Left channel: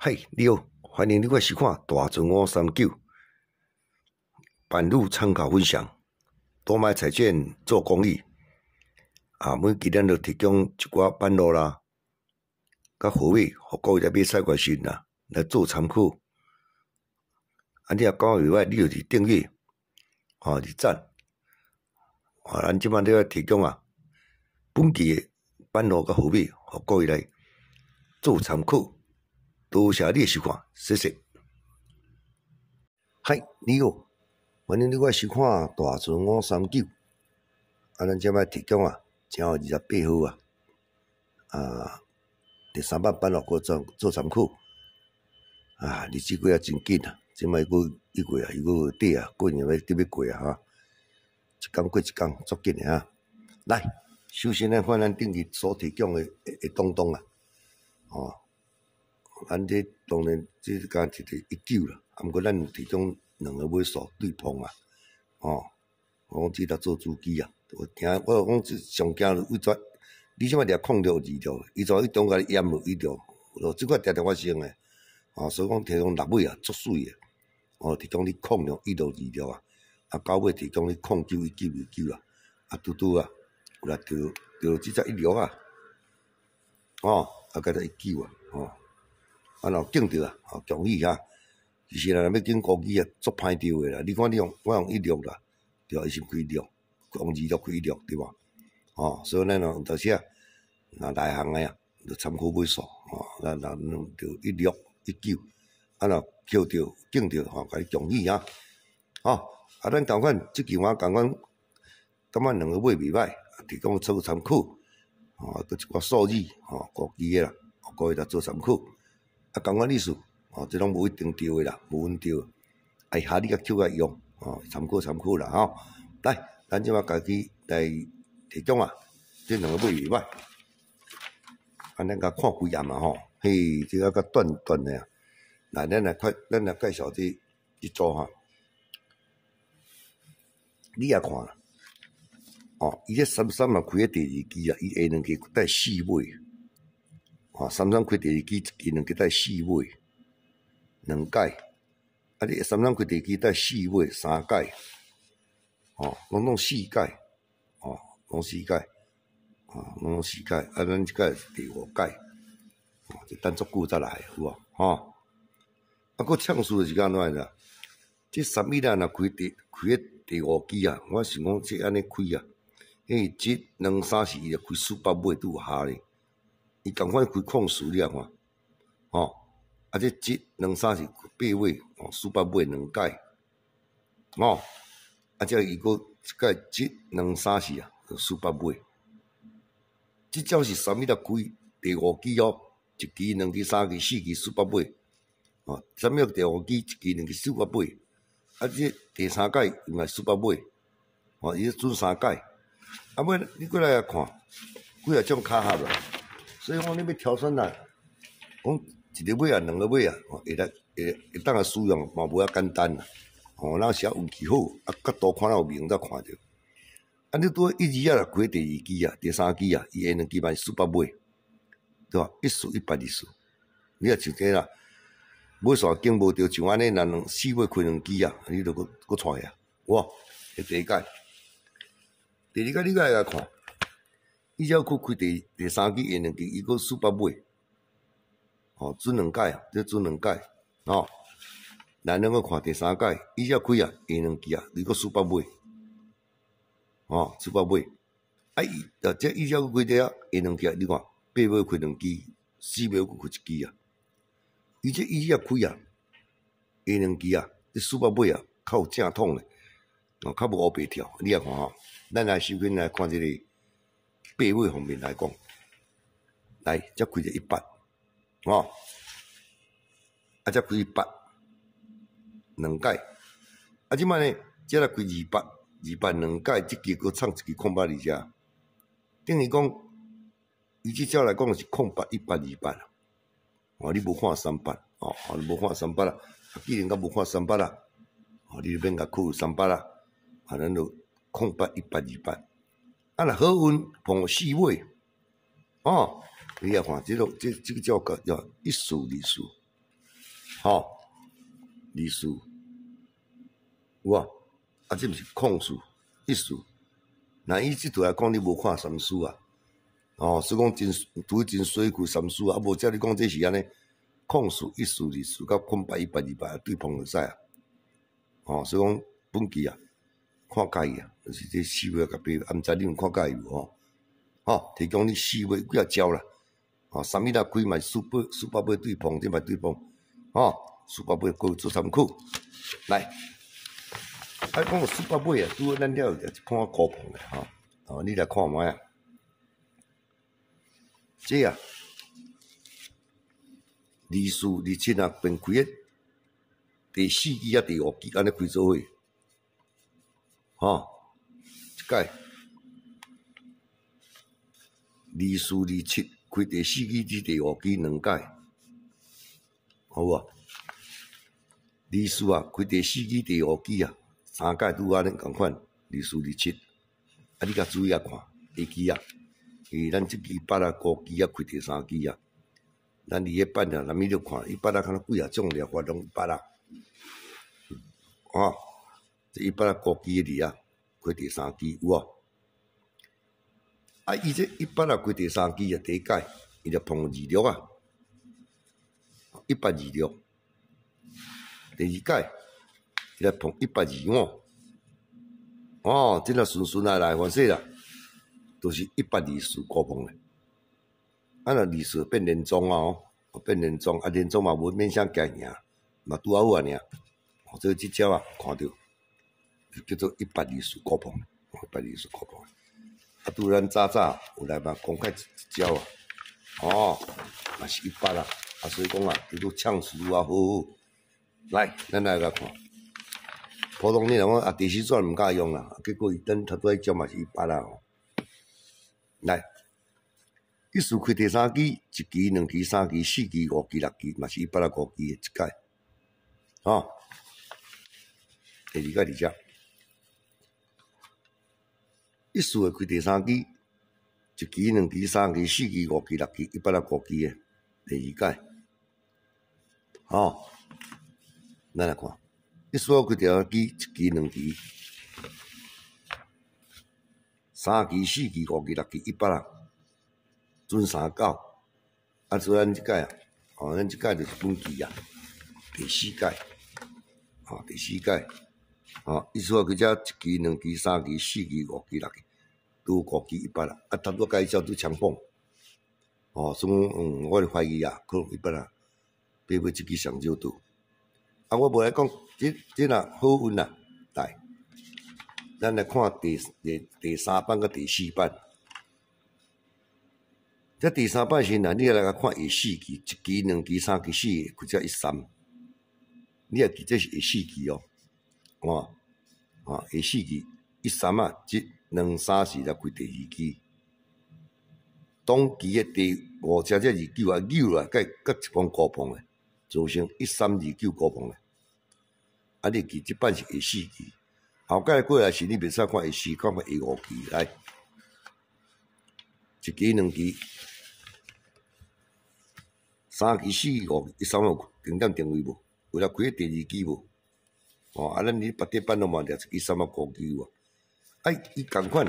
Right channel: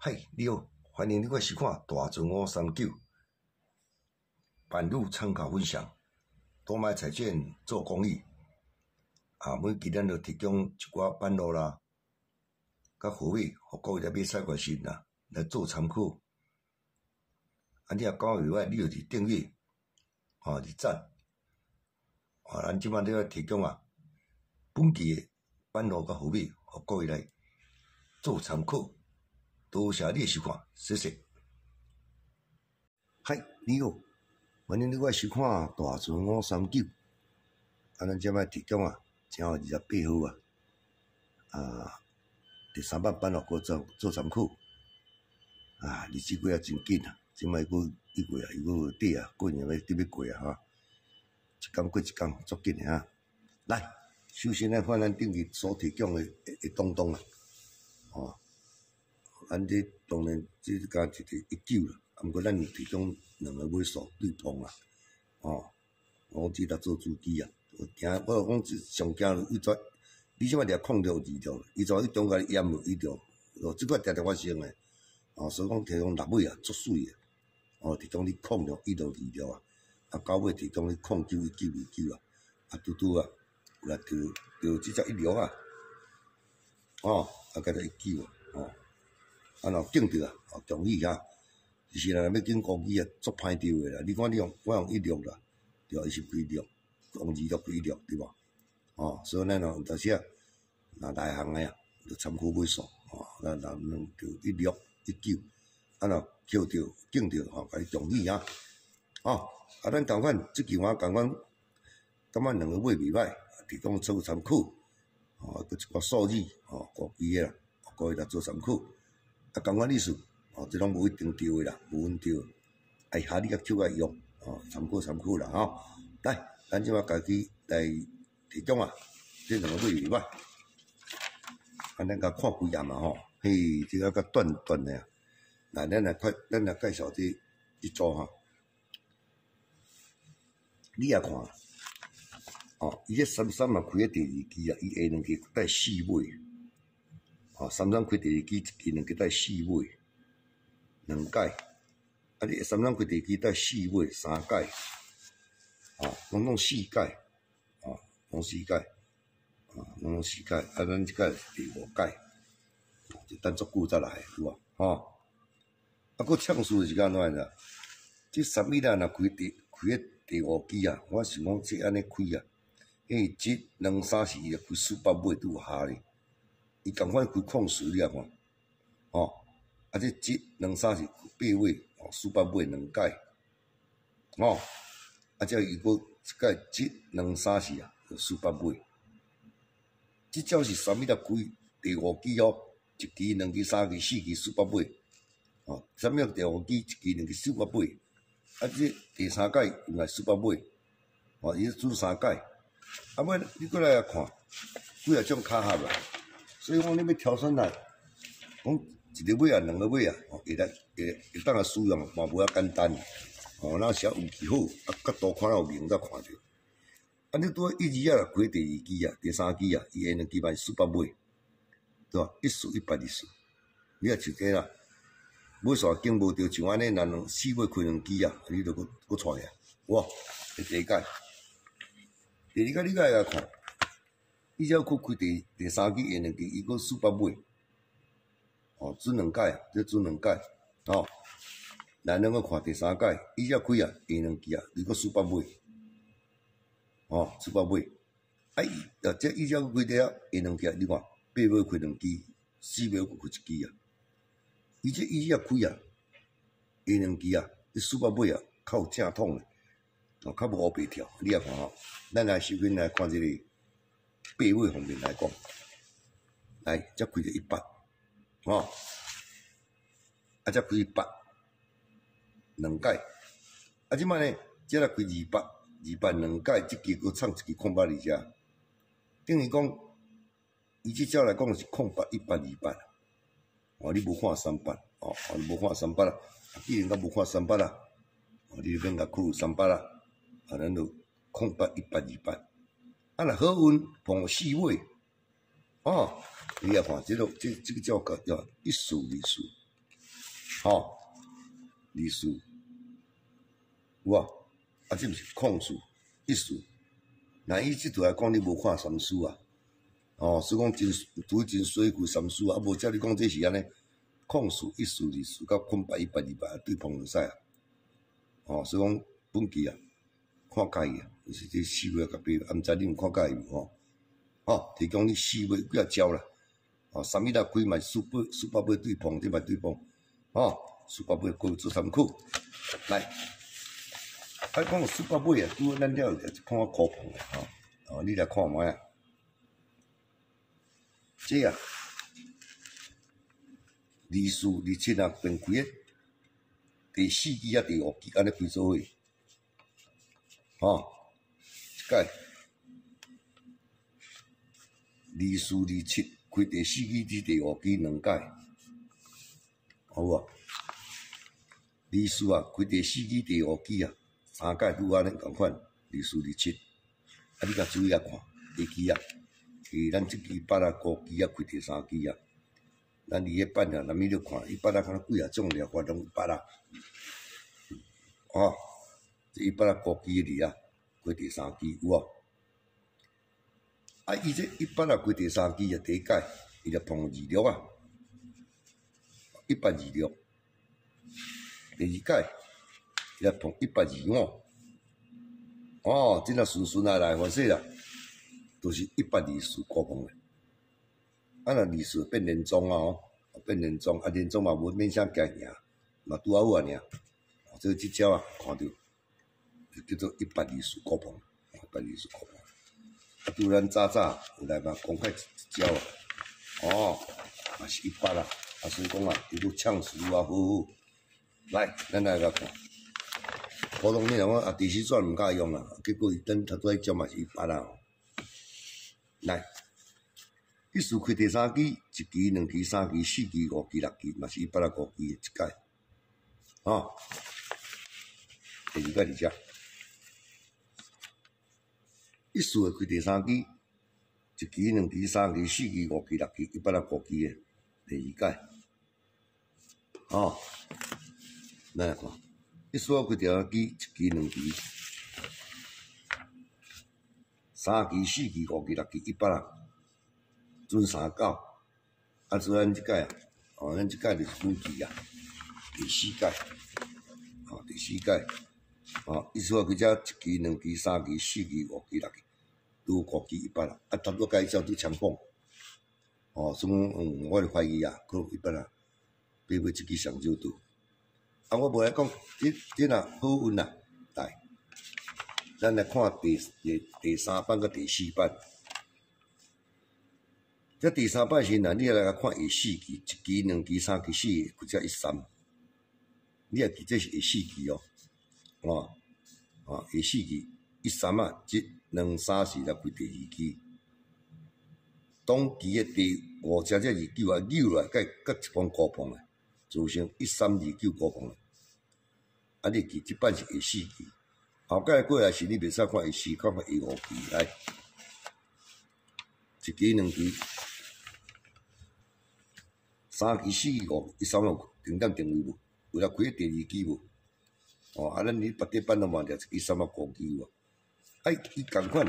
嗨，你好，欢迎你来收看大船539版路参考分享。多买彩券做公益每期咱就提供一寡版路啦，甲货尾，互各位来买彩券时啦，来做参考。你若讲袂歹，你就是订阅，是赞。咱即摆咧提供本期的版路甲货尾，互各位来做参考。多谢你的收看，谢谢。嗨，你好，欢迎你来收看大船539。咱即摆提供正月28号第3版版路过做参考。日子过真紧即摆佫1月又底过年要准备过一天过一天，足紧的来，首先来看咱顶日所提供的东东咱这当然这敢一个19啦，毋过咱提供2个尾数对碰我讲这搭做主机我讲上惊为怎你即摆掠控着2条，伊就伊中间淹落1条，即个常常发生的所以讲提供6尾足水的提供你控着1到2条9尾提供你控9、19、19啦，拄拄有来着即只1条甲着19若紧着强语其实若要紧高机足歹着的啦。你看我用1条啦，对伊是开条，用2条开条对吧？所以咱有时若内行的就参考尾数咱着16、19，若扣着紧着甲你强语咱同款即期同款，感觉2个尾袂歹，提供做参考佫一寡数字高机的啦，各位来做参考。同款意思这拢无一定对的啦，无稳对的，下你甲扣来用参考啦来，咱即摆家己来提供这2个尾袂歹，咱甲看几页嘿，这个较短的来，咱来介绍这组你也看伊这33嘛开第2期伊下2期带4尾33开第2期，1期2期带4尾2届，你33开第2期带4尾3届拢4届拢4届拢4届咱即届是第5届就等足久才来有无佫呛数是安怎啦？这3米若开第5期我想讲这安尼开1、2、3、4伊开400尾拄有下咧。伊共款开控数你看这1、2、3是8尾400尾2届这伊佫一届1、2、3、4就400尾，这种是3米开第5期1期、2期、3期、4期400尾3米第5期1期、2期400尾这第3届用来400尾伊是准3届尾你过来看几啊种卡合了。所以讲，你要挑选讲1个尾2个尾会当使用嘛无遐简单咱是运气好角度看有明才看着你拄1、2若开第2期第3期伊下2期嘛是400尾，对吧？1数100、2数，你若像这啦，尾数经无着像安尼，若4尾开2期你就佫出去哇！第1届，第2届你来看。伊只要开第3期下2期，伊佫400尾准2届这准2届咱两个看第3届，伊只要开下2期伊佫400尾400尾这伊只要开第下2期，你看8尾开2期，4尾佫开1期伊只要开下2期这400尾较有正统的较无乌白跳，你也看咱来首先来看这个8尾方面来讲，来才开着100才开100 2届即摆呢，这来开200 2届，这期佫创1期空8伫遮，等于讲伊即招来讲是空8 100 200你无看300你无看300啦，既然甲无看300啦你就免甲开300啦咱就空8 100 200若好运碰4尾你也看这个叫1数2数二数，有啊，啊，这毋是空数，一数。那伊即度来讲，你无看三数啊？所以讲真水库三数啊，无照你讲这是安尼，空数、一数、二数，甲空白、100、200对碰就使啊。所以讲本期啊，看介意啊，就是这4月甲8月，毋知你有看介意无？提供你4月几啊招啦。3米开嘛，Super 杯对碰，这摆对碰，Super 杯各做参考。来，讲Super 杯啊，拄好咱了就一看高碰的你来看卖啊。这啊，二数、27啊，并开的第4期啊、第5期安尼开做伙，一届二数、27开第4期至第5期2届，好无？二数啊，开第4期、第5期啊，3届拄安尼共款，二数、27，你甲注意啊看，下期啊。咱即期8啊5期啊开第3期啊，咱2月8啊，咱咪就看100啊，敢若几啊种了活动100啊，这100啊5期的啊，开第3期有无？伊这100啊开第3期啊，第一届伊就碰26啊，126，第二届伊就碰125，真啊顺来反正啦。都是124高碰的，若二数变连庄变连庄，连庄嘛无免啥加赢，嘛拄好啊尔。所以即招啊，看到就叫做124高碰，124高碰。拄咱早有来嘛公开一招啊，嘛是100啊，所以讲啊，叫做呛死啊，好。来，咱来看，普通你若讲第4转毋敢用啦，结果伊等头拄迄招嘛是100啊。来，一数开第3期，1期、2期、3期、4期、5期、6期，嘛是100啊5期的一届，第2届伫遮，一数开第3期，1期、2期、3期、4期、5期、6期，100啊5期的第2届，咱来看，一数开第3期，1期、2期。3期、4期、5期、6期100啊，准39。所以咱即届啊，咱即届就是本期啊，第4届，第4届，意思话佢遮1期、2期、3期、4期、5期、6期，拄5期100啊，差不多甲伊照拄相仿。所以我就怀疑啊，可能100啊，比尾即期上少拄。我无来讲，这若好运啦，来。咱来看第3版甲第4版，这第3版时呢，你来看下4期、1期、2期、3期、4期，或者13，你也记这是下4期下4期13啊，1、2、3、4才开第2期，当期的第5只29啊，9啊，甲一碰高碰的，造成1329高碰的，你记这版是下4期。后届过来是你袂使看下4，看下5期来，1期、2期、3期、4期、5期，13有重点定位无？有了开第2期无？咱你别的版拢嘛掠1期、3啊5期有伊共款，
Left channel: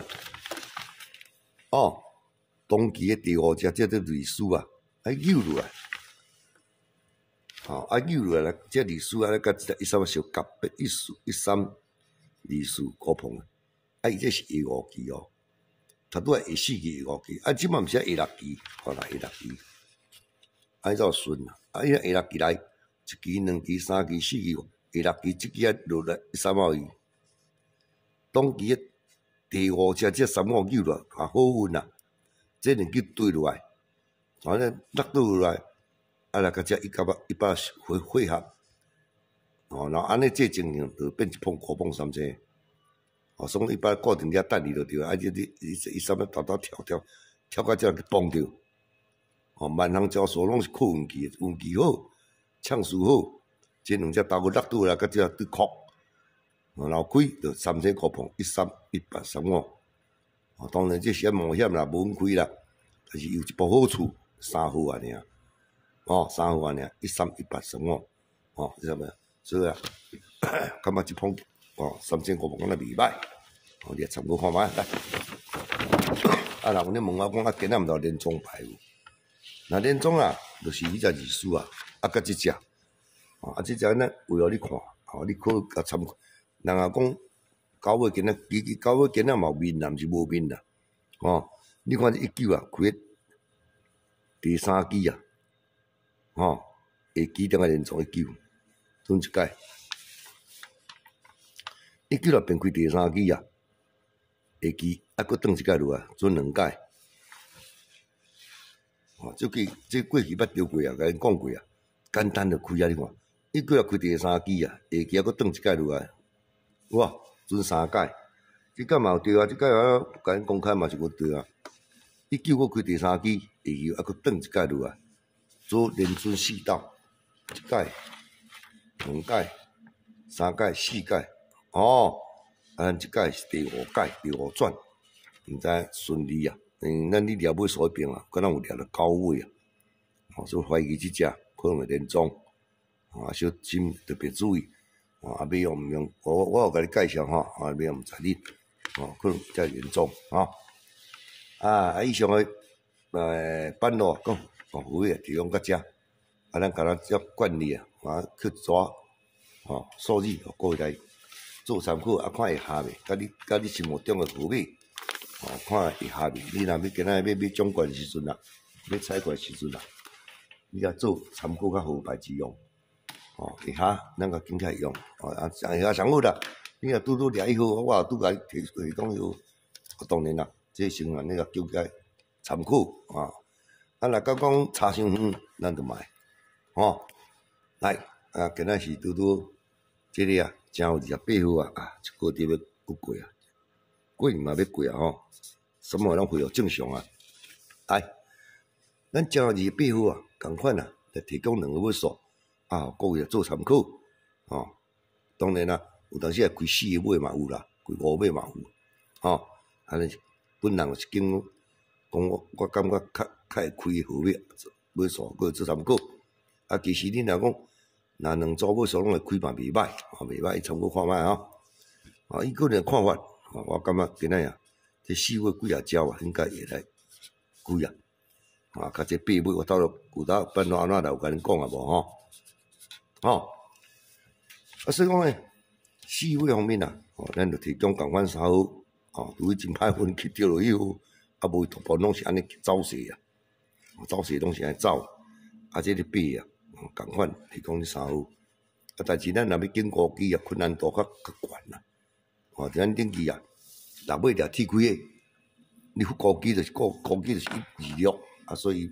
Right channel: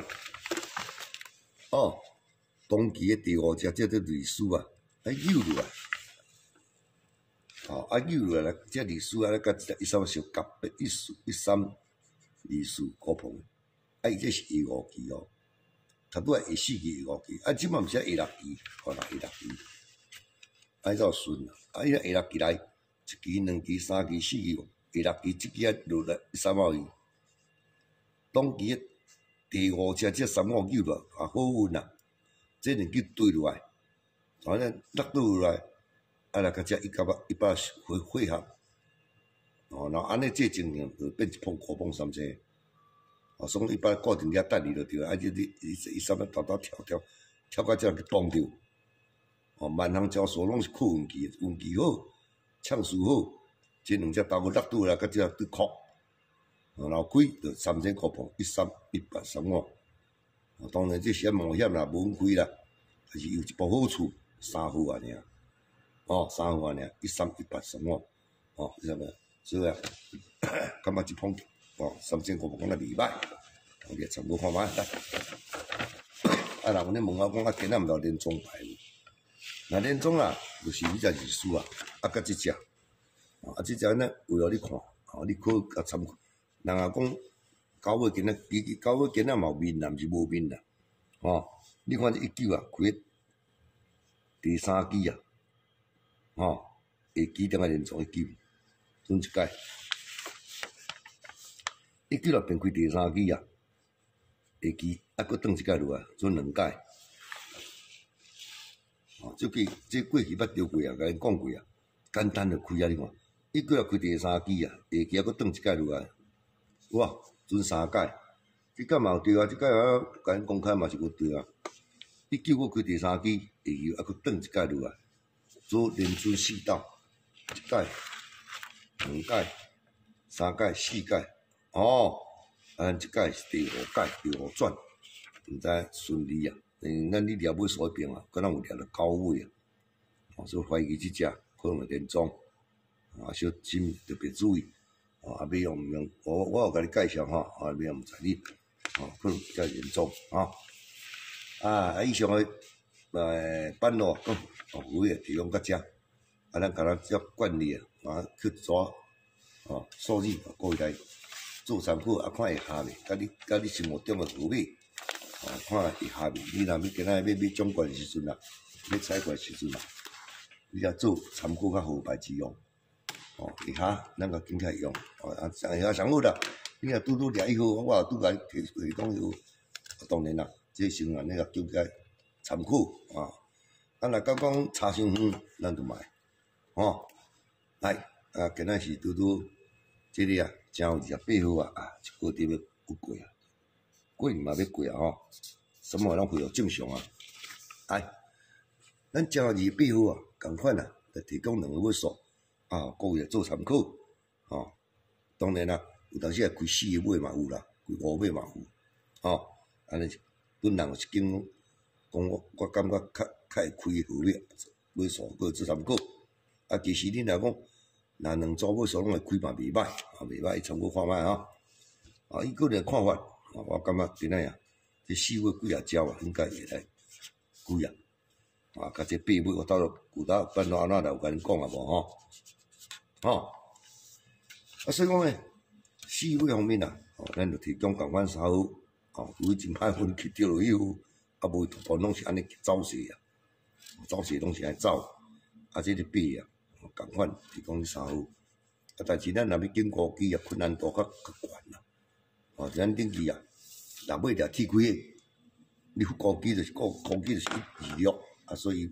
当期的第5只叫做类数啊，扭落来，扭落来，这类数啊，甲13小夹别13。二数高碰伊这是下5期差不多下4期、下5期，即摆毋是下6期，看下6期，怎顺啊？伊下6期来，1期、2期、3期、4期、下6期，即期落来13毛伊，当期的第5只3毛9了，好运啊！这2期对落来，反正落倒来，来甲这100汇合。然后安尼这情形就变一碰高碰3只，所以100固定遐等你就对啊，伊啥物偷跳到遮去碰着，万行招数拢是靠运气，运气好，呛数好，这2只头骨落倒来，甲遮对壳，然后开就3只高碰，13、100、35，当然这是冒险啦，无开啦，但是有一部好处，3号啊尔，3号啊尔，13、100、35。你知无？所以啊，感觉即捧3500敢若袂歹，你参考看觅来。人咧问我讲今仔毋知连庄牌无？那连庄啦，就是你只二输啊，甲即只，即只呢为互你看，你可甲参考。人也讲到尾今仔到尾今仔嘛有面啦，毋是无面啦，你看这19啊，开第3支啊，下支顶个连庄19，转一届，19啦变开第3支啊，下支搁转一届落来，转2届。这过去捌丢过啊，甲恁讲过啊，简单就开啊！你看，19啦开第3支啊，下支搁转一届落来，哇，转3届，即届嘛有对啊，即届啊，甲恁公开嘛是无对啊。19搁开第3支，下支搁转一届落来，做连转4道，一届、2届、3届、4届，咱即届是第5届，第5转，毋知顺利啊。咱你掠尾数迄边啊，可能有掠到9尾啊，所以怀疑即只可能会连庄，小心特别注意，要用毋用？我有甲你介绍要用毋知你，可能才严重以上诶板路讲，有诶提供到遮，咱甲咱照惯例去抓，数字各位来做参考，看会合未？甲你生活中诶符码。看会合未？你若要今仔要总冠时阵啊，要采冠时阵啊，你甲做参考较好牌子用，会合，咱甲紧起来用，会合上好啦。你若拄掠以后，我也拄甲提讲有，当然啦，这成员那个叫个参考若甲讲差伤远，咱就卖，来今仔是拄这个啊，正有28号一个月要过啊。过年嘛要过啊什么拢恢复正常啊！来，咱正28号共款来提供2个尾数各位做参考当然啦，有当时开4个尾嘛有啦，开5尾嘛有安尼本人是经讲我感觉较会开号码尾数，搁做参考其实恁若讲若2组尾数拢会开嘛袂歹袂歹，参考看觅伊个人看法。我感觉今仔这4尾几只应该会来几甲这8尾我到办到安怎来有甲恁讲无所以讲4尾方面咱就提供共款3号对于真歹运气着落以后，无突破拢是安尼走势走势拢是安尼走这个8共款提供3号但是咱若要经过机困难度较悬啦。咱顶期若尾掠铁开诶，你高机就是高机就是126所以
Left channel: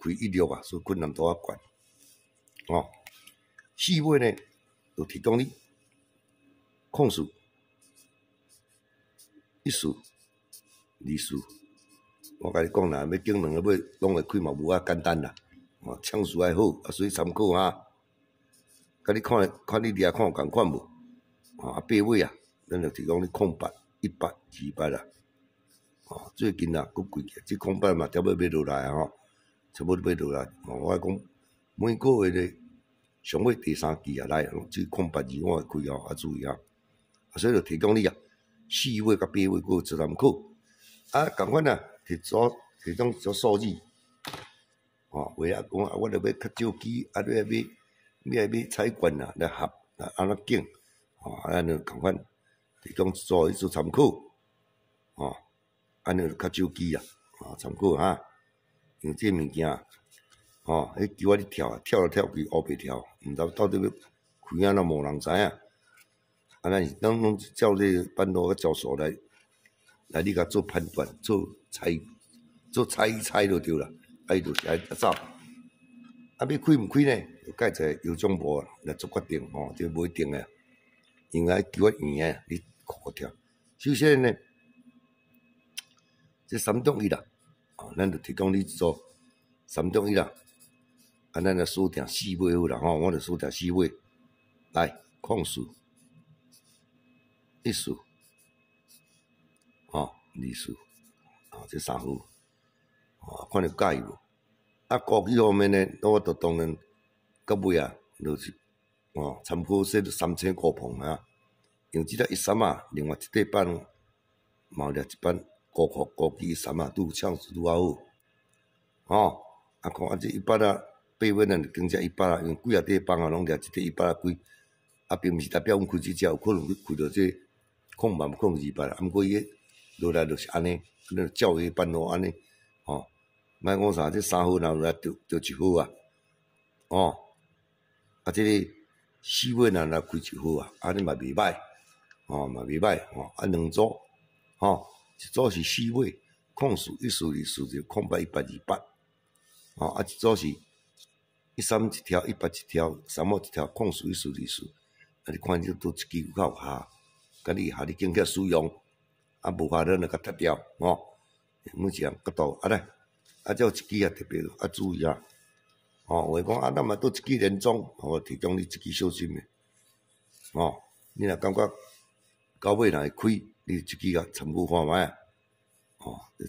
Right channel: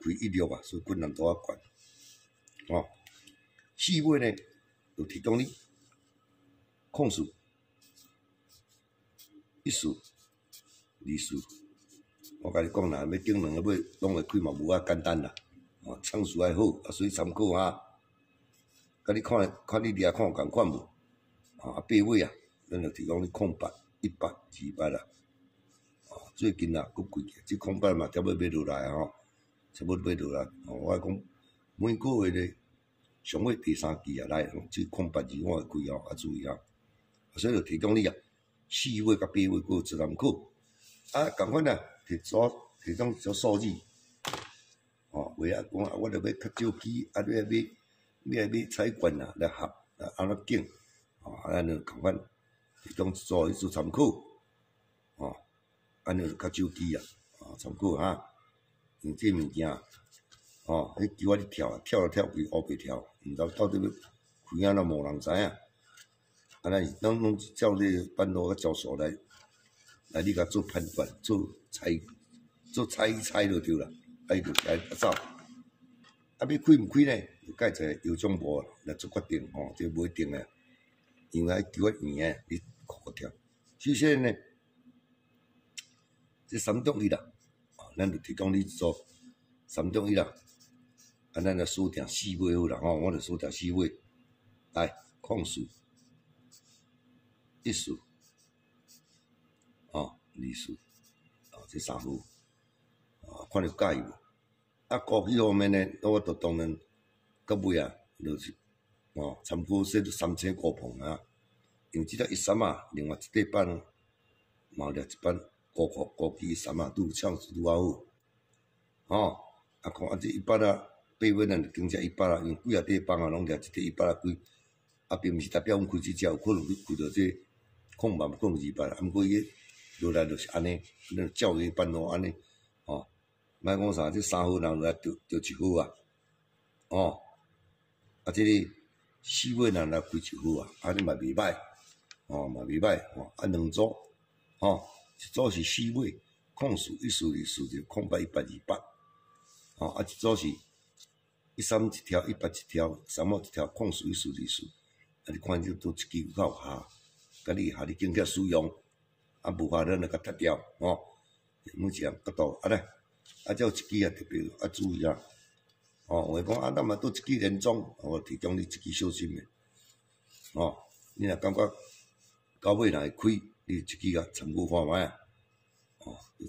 开16所以困难度较悬4尾呢，就提供你控数、1数、2数。我甲你讲啦，要经2个尾拢会开嘛，无简单啦。枪数还好所以参考甲你看你掠看有共款无8尾咱就提供你空白100、200啦。最近佫贵起，这空白嘛，差不多买落来差不多买落来。我讲每个月咧，上尾第3期来，这空白2我会开注意所以就提供你4尾甲8尾佫做参考共款提供做数字为讲我著要较少机你要采管来合安怎拣咱就共款。提供做参考安尼就较少机参考因为这物件迄球你跳跳开乌白跳，毋知到底要开安怎无人知影咱拢照这个板路教授来你甲做判断，做猜就对啦，伊就是爱走要开毋开呢？就介在邮政部来做决定这不一定诶，因为球圆你看跳。首先呢，这3中1啦，咱就提供你做3中1啦，咱就锁定4尾好啦我就锁定4尾，来控数、1数2数这3号看你介意无高机方面呢，我就当然到尾就是参考说3500磅啊，因为即只13啊，另外一块板嘛有掠一板高级13啊，拄枪拄啊好，看这100啊，8尾咱就更加100啊，因为几啊块板啊，拢掠一块100啊几，并毋是代表阮开即只有可能开到这控万控200啊，毋过伊落来就是安尼，咱照伊板路安尼，莫讲啥，这3号人落来着1号啊，这个4尾人来开1号啊，安尼嘛袂歹，嘛袂歹，2组，一组是4尾，控数142就控8 128，一组是131条181条，3号一条控数144，你看这都一支有够下，甲你经济使用，无法咱就甲踢掉，每一项角度来，有一支也特别注意啊。有诶讲咱嘛倒一支连装，提供你一支小心诶。你若感觉到尾若会开，你一支甲参考看卖啊。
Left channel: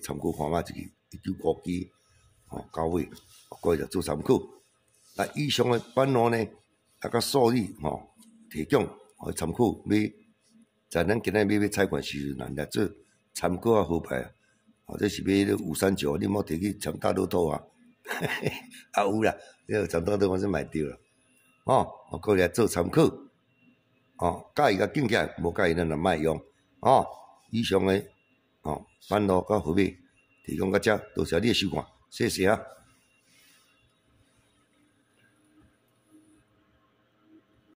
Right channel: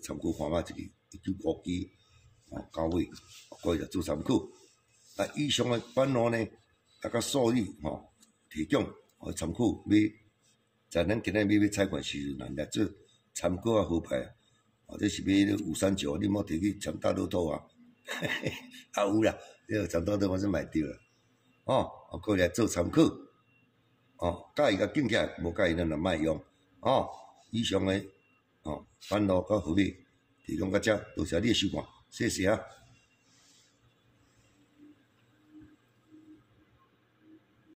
参考看卖一支1950支，到尾，各位着做参考。以上诶板路呢，甲数字提供互参考买。在咱今仔要采款时阵，来做参考啊好牌啊。这是买咧五三九，你莫摕去参大乐透啊。有啦，你参大乐透我是买着啦。各位来做参考。介意甲敬起，无介意咱就莫用。以上诶板路甲号码提供到遮，多谢你诶收看，谢谢啊。